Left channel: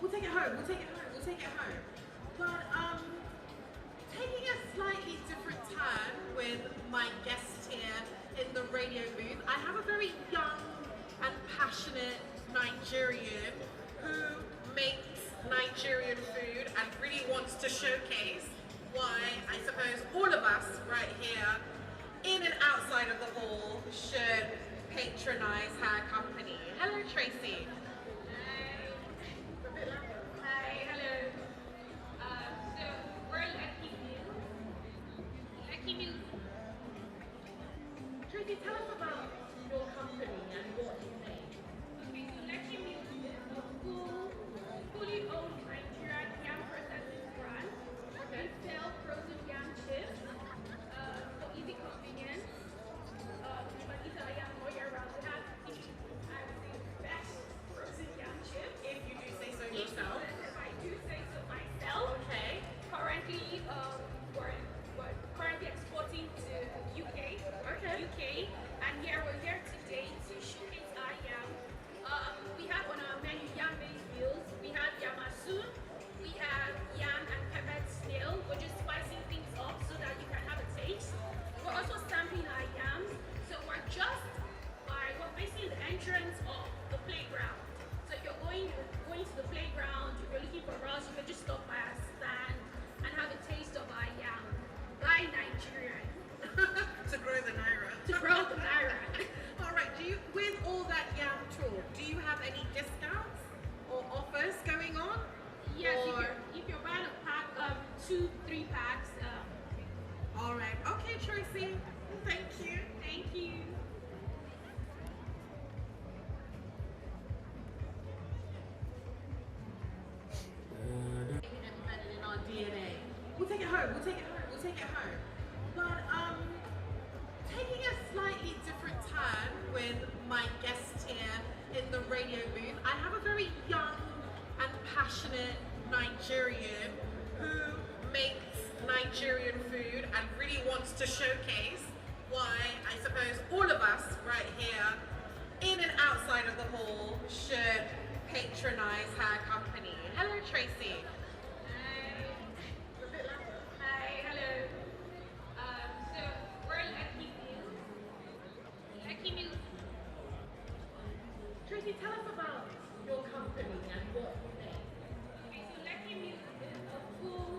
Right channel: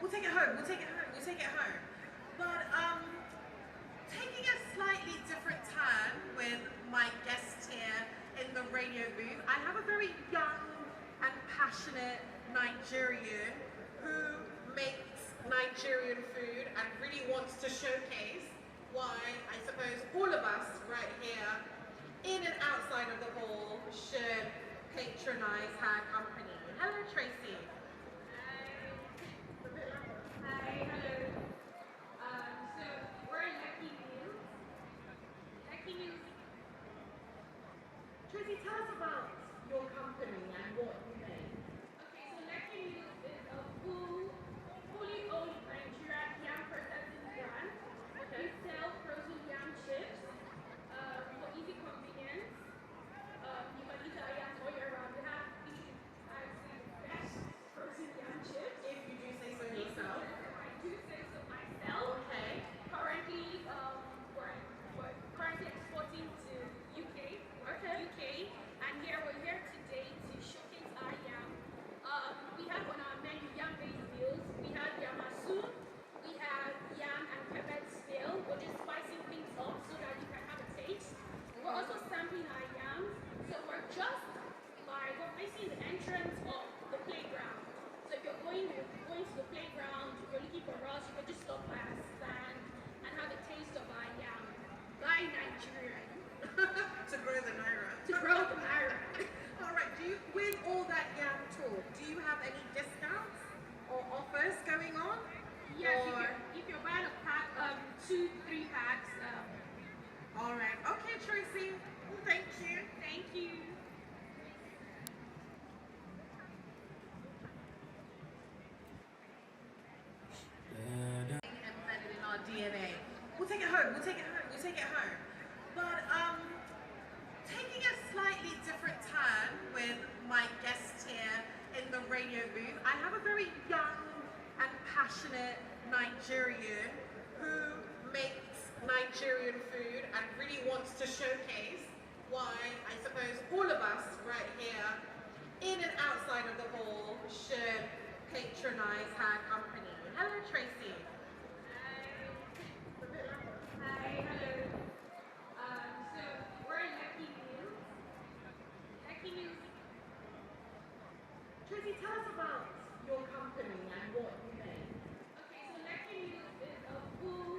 We'll take it home. We'll take it home. We'll take it home. But taking a slightly different turn with my guest here in the radio booth, I have a very young and passionate Nigerian who makes Nigerian food and really wants to showcase why I suppose all of us right here, in and outside of the hall, should patronize her company. Hello, Tracy. Hi, hello. So we're Lucky Meals. Lucky Meals. Tracy, tell us about your company and what you make. Okay, so Lucky Meals is a fully owned Nigerian yam processing brand. Okay. We sell frozen yam chips for easy convenience. You can eat our yam all year round. We have the best frozen yam chips. If you do say so yourself. If I do say so myself. Okay. Currently, we're currently exporting to UK. Okay. UK, and we're here today to showcase our yam. We have on our menu yam-based meals. We have yamasu, we have yam and peppered snail. We're just spicing things up so that you can have a taste. We're also stamping our yams. So we're facing the entrance of the playground. So if you're going to the playground, if you're looking for us, you can just stop by our stand and have a taste of our yam. By Nigerian. To grow the naira. To grow the naira. All right. With all that yam talk, do you have any discounts or offers going on? Yes, Or- if you're buying a pack of 2-3 packs, All right. Okay, Tracy. Thank you. thank you. Embedded in our DNA. We'll take it home. We'll take it home. We'll take it home. But taking a slightly different turn with my guest here in the radio booth, I have a very young and passionate Nigerian who makes Nigerian food and really wants to showcase why I suppose all of us right here, in and outside of the hall, should patronize her company. Hello, Tracy. Hi, hello. So we're Lucky Meals. Lucky Meals. Tracy, tell us about your company and what you make. Okay, so Lucky Meals is a full